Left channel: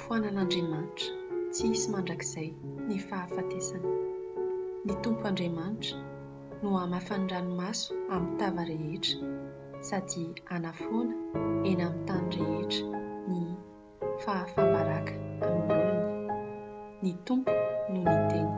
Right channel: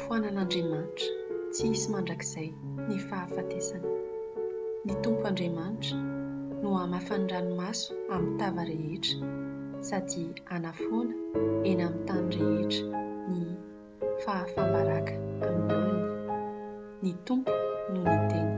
foanan'Andriamanitra tsy hisy mandrakizay ny fahafatesana. Ny Tompo Andriamanitra no hamafan'ny ranomaso amin'ny tava rehetra sady hanafoana eny amin'ny tany rehetra ny fahafambaraka amin'ny olona. Ny Tompo no niteny.